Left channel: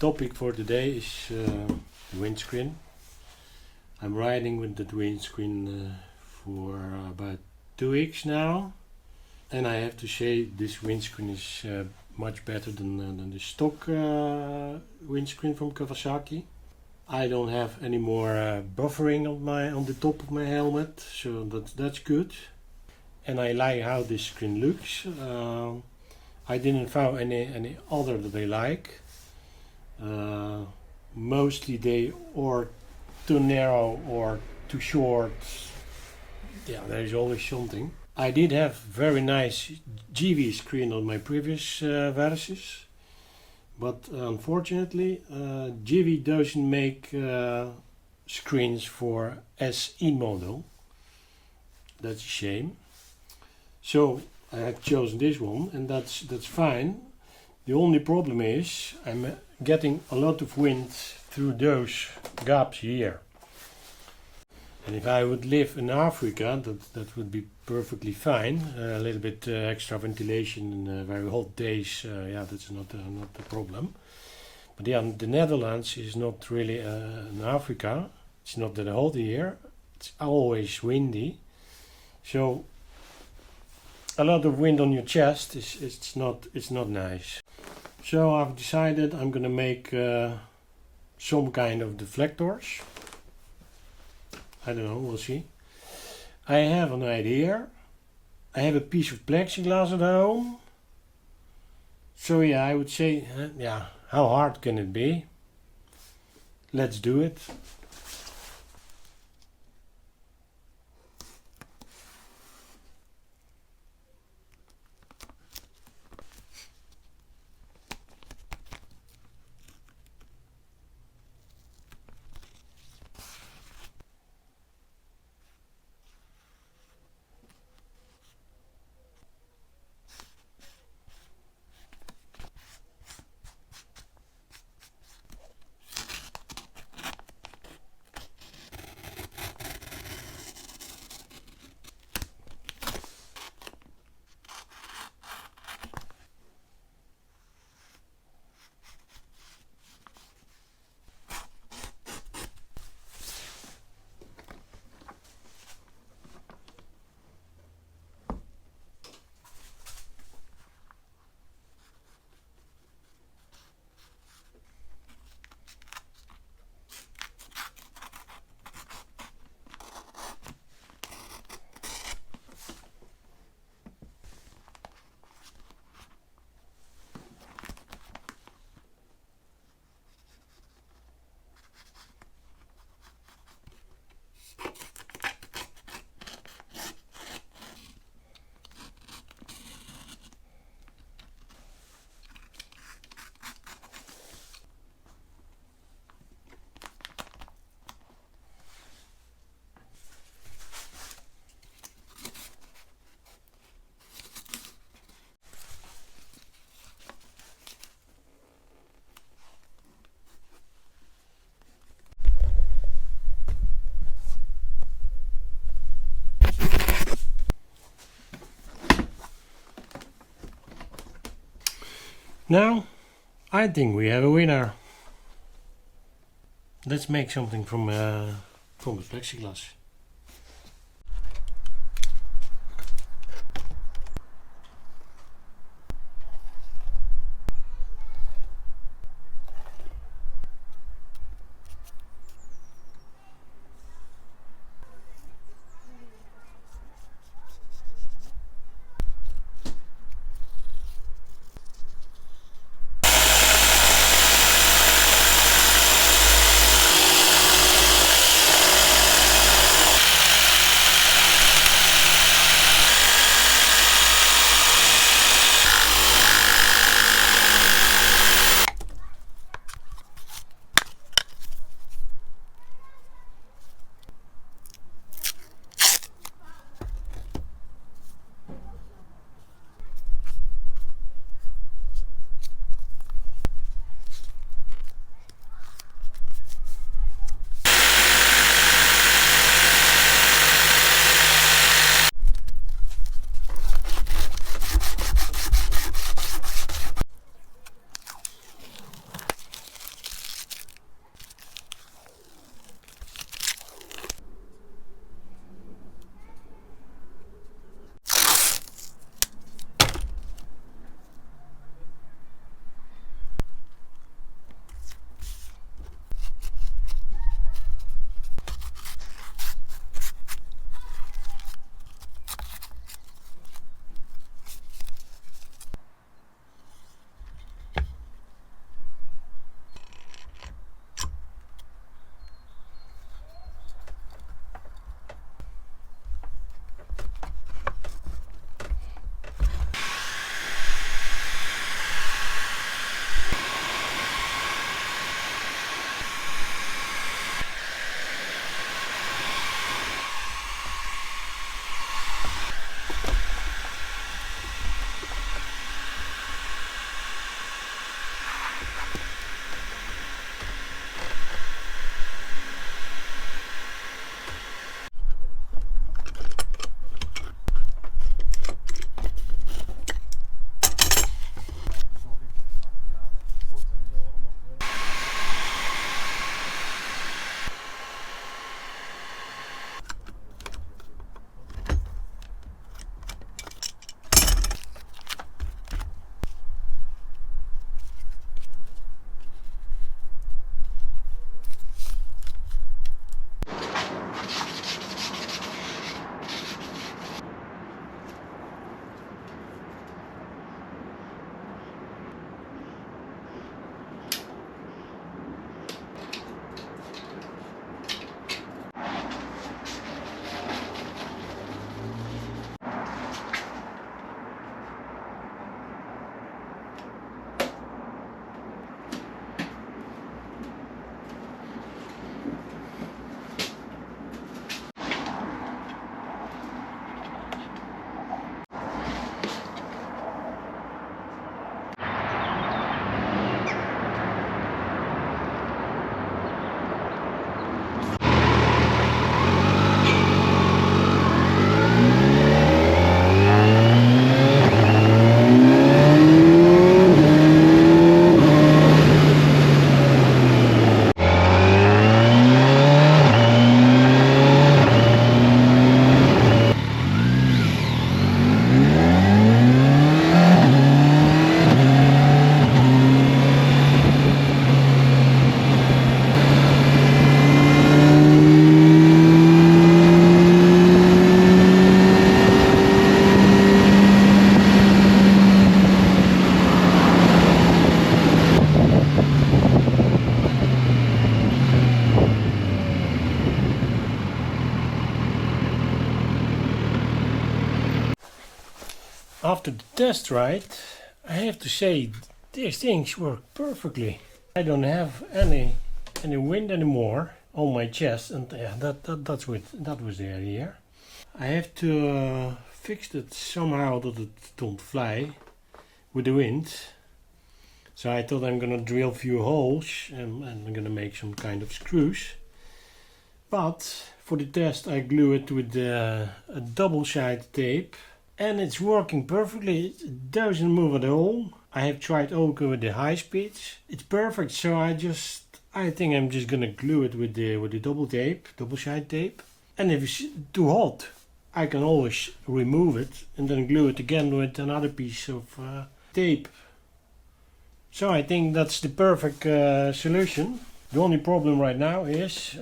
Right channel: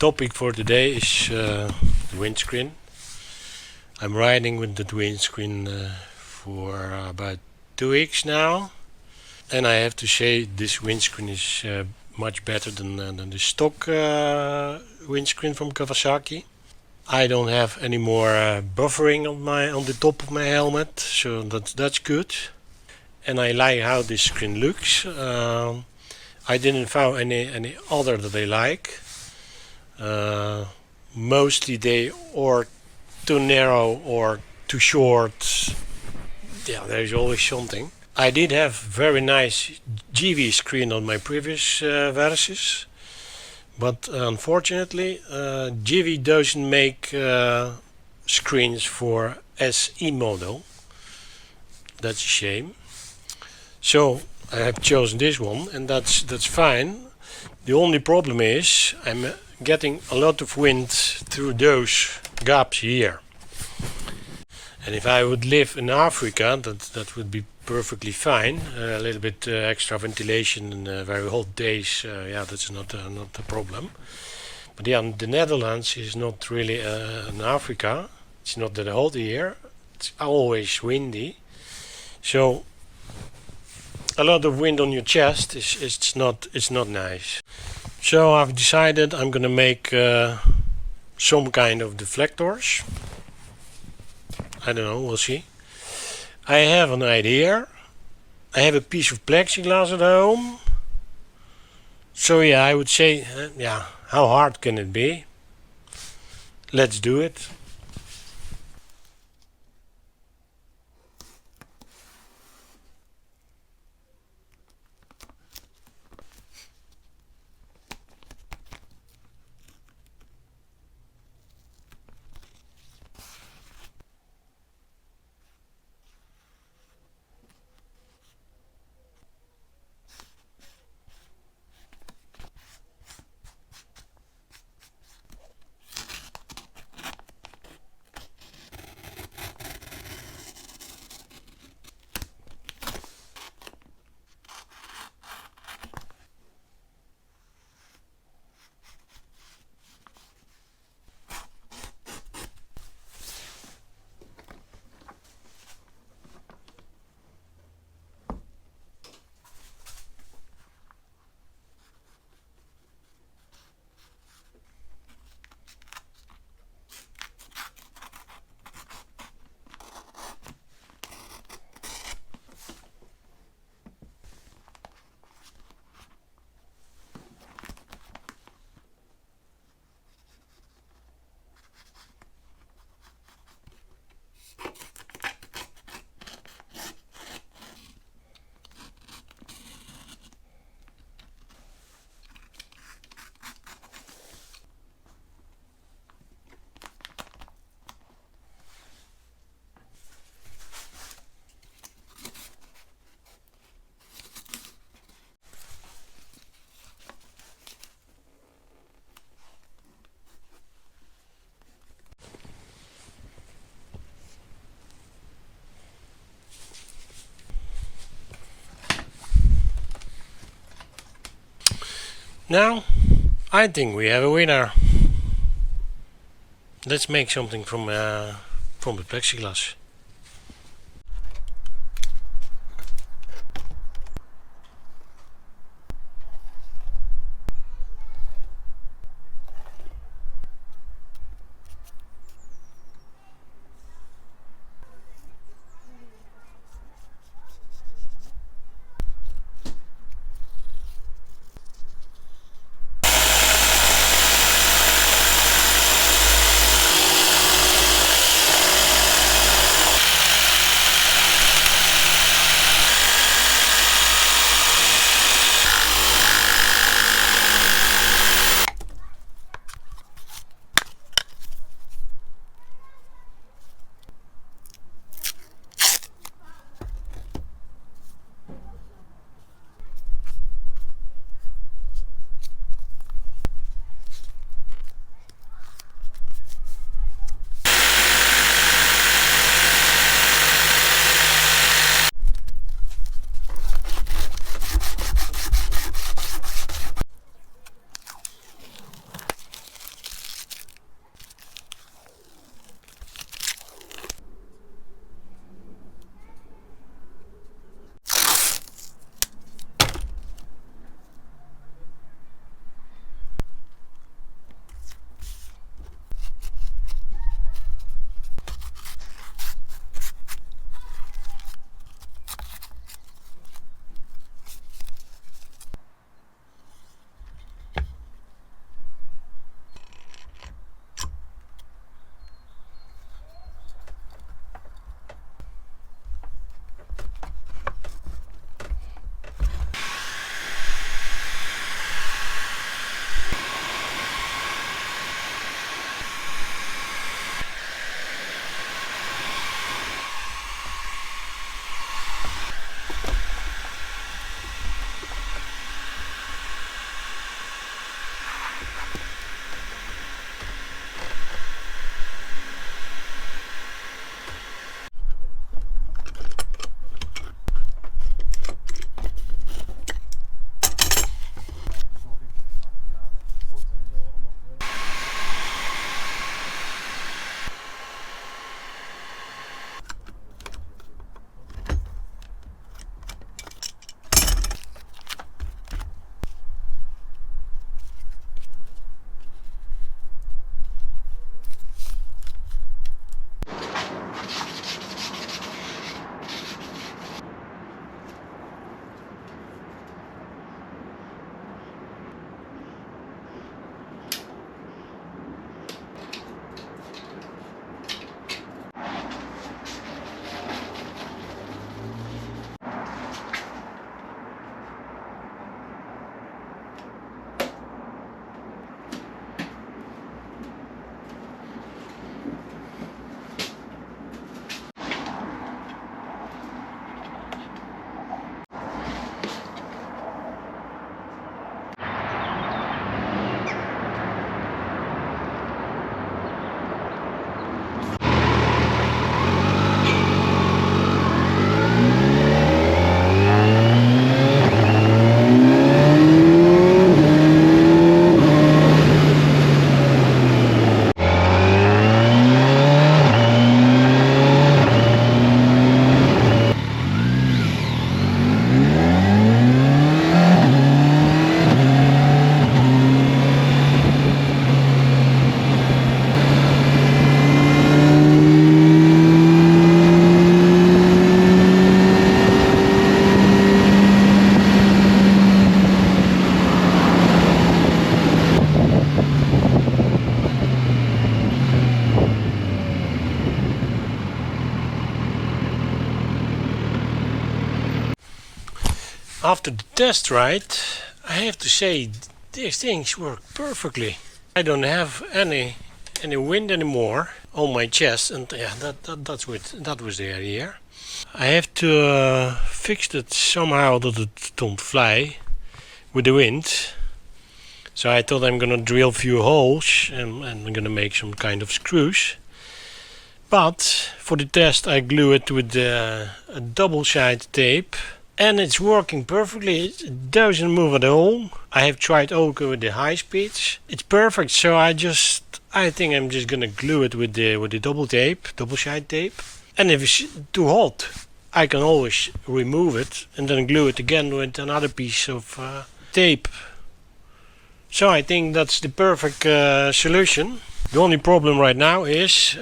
topic for today is the windscreen. I'm riding with that windscreen for about 2 weeks now, and I have to say this windscreen is much better than the stock windscreen from Kawasaki. I don't have any more buffering on the top of my helmet, so that's good. And I like how this screen looks. I didn't find any other that I like. Mostly they are too narrow or too short. Yeah, there's always something. I did have very nice GV screen on my previous Versys, but unfortunately GV doesn't make screens for SE model. That's a shame. So I have chosen this one, and that's fine. The only problem is I'm getting a lot of wind through those gaps here. And if I would live in Africa, that would be perfectly fine. A little bit extra ventilation in very hot days, yeah, that's not a problem. But yeah, the Netherlands is not really in Africa. It's not that hot here. It's always windy. So a lot of wind on your chest it's not nice. So I've decided I'm gonna make some kind of deflectors. I don't know, we'll see. I have an idea. I have a piece of plexiglass at home. So yeah, I would say, yeah, how hard can it be? Let's do it. Now, I think we have a winner. Let's make something from the plexiglass. After the test ride, I have to say these things work perfectly. I don't have any wind anymore on my chest, and yeah, that was the idea. I have to fix it somehow that it don't fly with the wind. So I thought I'm gonna drill a few holes and I'm gonna make some kind of screws. But for the test I glue it with a double-sided tape, and it's working perfectly. It doesn't move at all. I have tried also with the high speeds. It's perfect. So I think I'm just gonna glue it with the double-sided tape. And if it's too hot, I can always remove it and then glue it again with another piece of tape. So I think that's the perfect solution. The only problem right now is,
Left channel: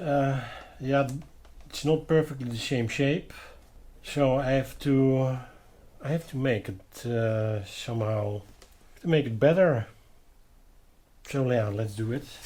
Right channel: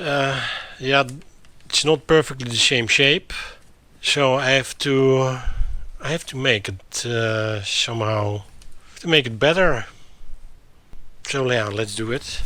it's not perfectly the same shape. So I have to make it somehow, to make it better. So yeah, let's do it.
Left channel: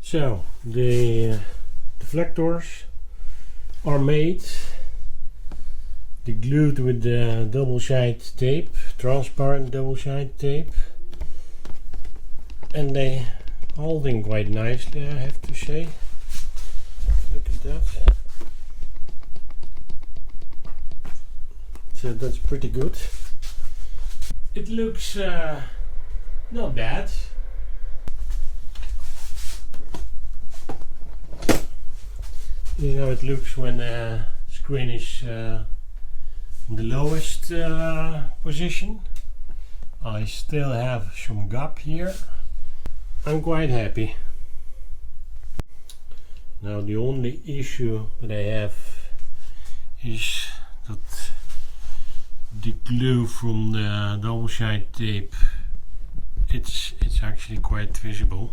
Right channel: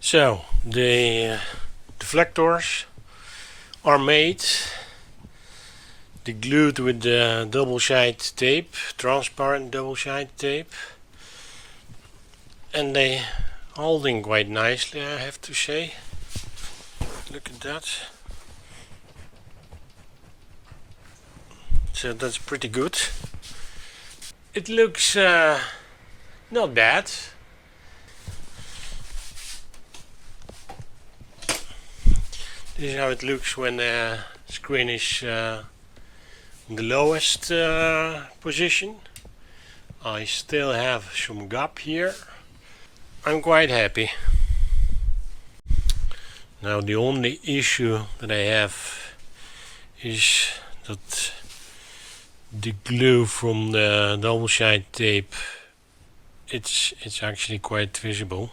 So the deflectors are made. They're glued with the double-sided tape, transparent double-sided tape, and they holding quite nicely, I have to say. Look at that. So that's pretty good. It looks not bad. This is how it looks when the screen is on the lowest position. I still have some gap here. I'm quite happy. Now the only issue that I have is that the glue from the double-sided tape, it's actually quite visible,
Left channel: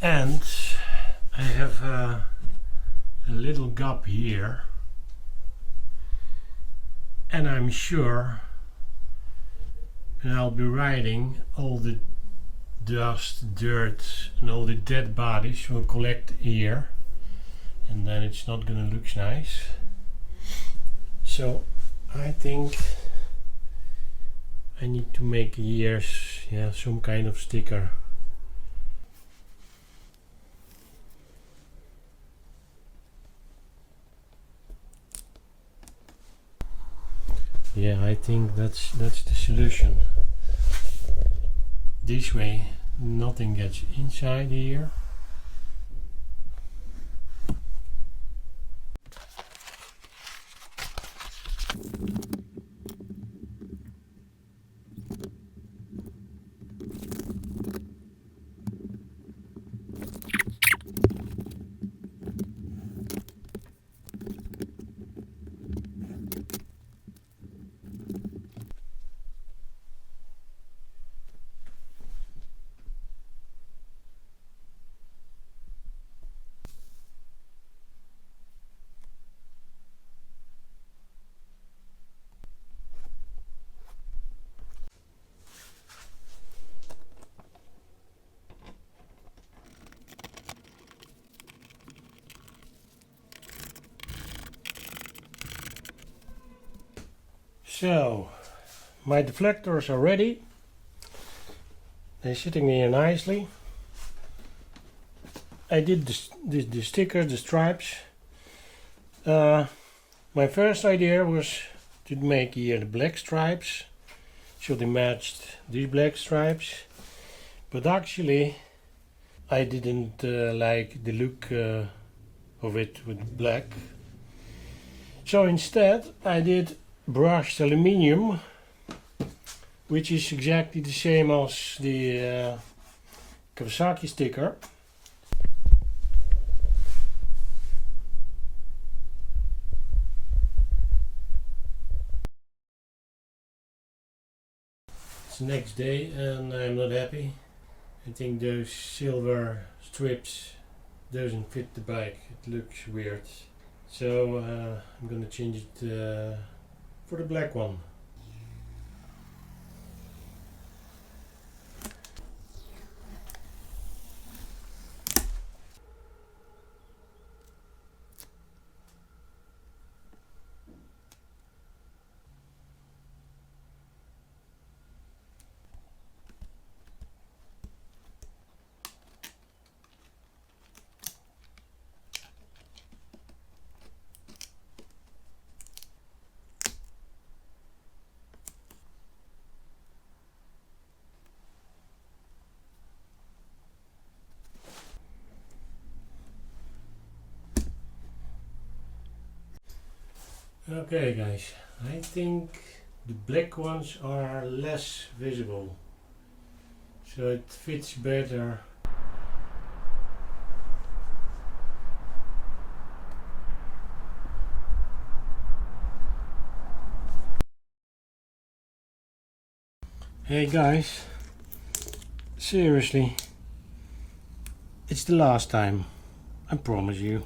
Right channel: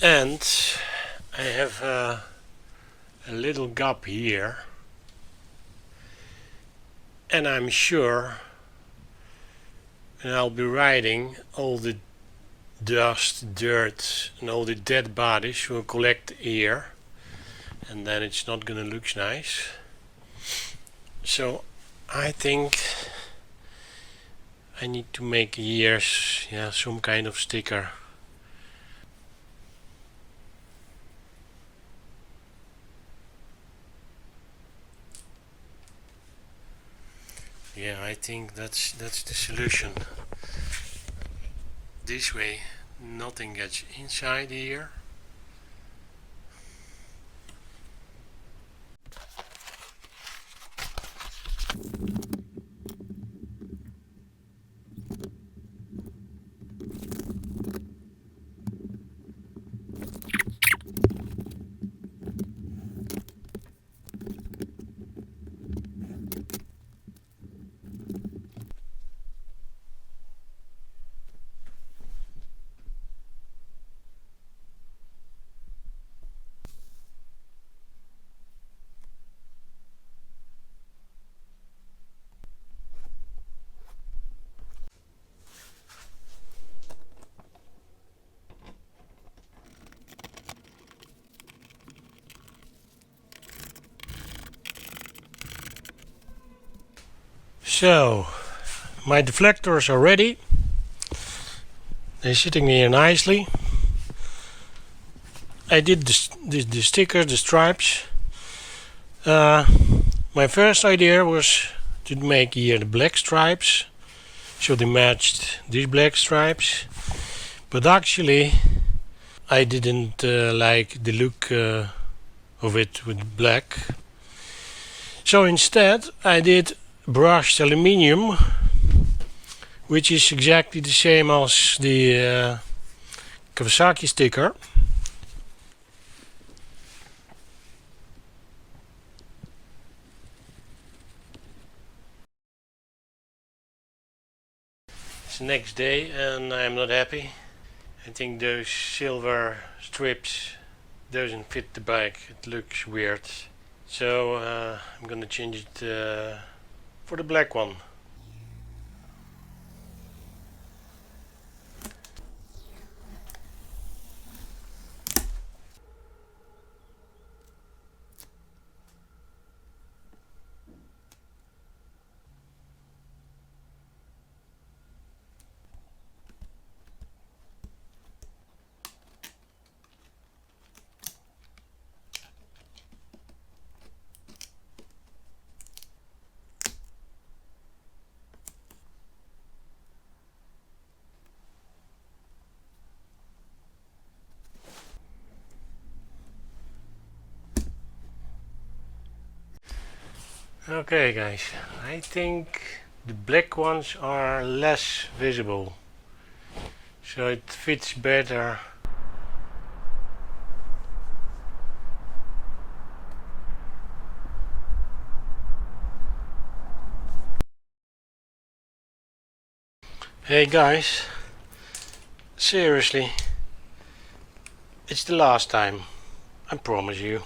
and I have a little gap here, and I'm sure, and I'll be riding, all the dust, dirt and all the dead bodies will collect here, and then it's not gonna look nice. So I think I need to make here some kind of sticker. Yeah, I think that's the solution. This way nothing gets inside here. So my deflectors are ready. They're sitting here nicely. I did the stickers, the stripes. My first idea was to make here the black stripes, so they matched these black stripes. But actually I didn't like the look of it with black. So instead I did brushed aluminium, which is exactly the same as the Kawasaki sticker. It's the next day and I'm not happy. I think those silver strips doesn't fit the bike. It looks weird. So I'm gonna change it for the black one. Okay guys, I think the black ones are less visible, so it fits better. Hey guys, seriously, it's the last time, I promise you.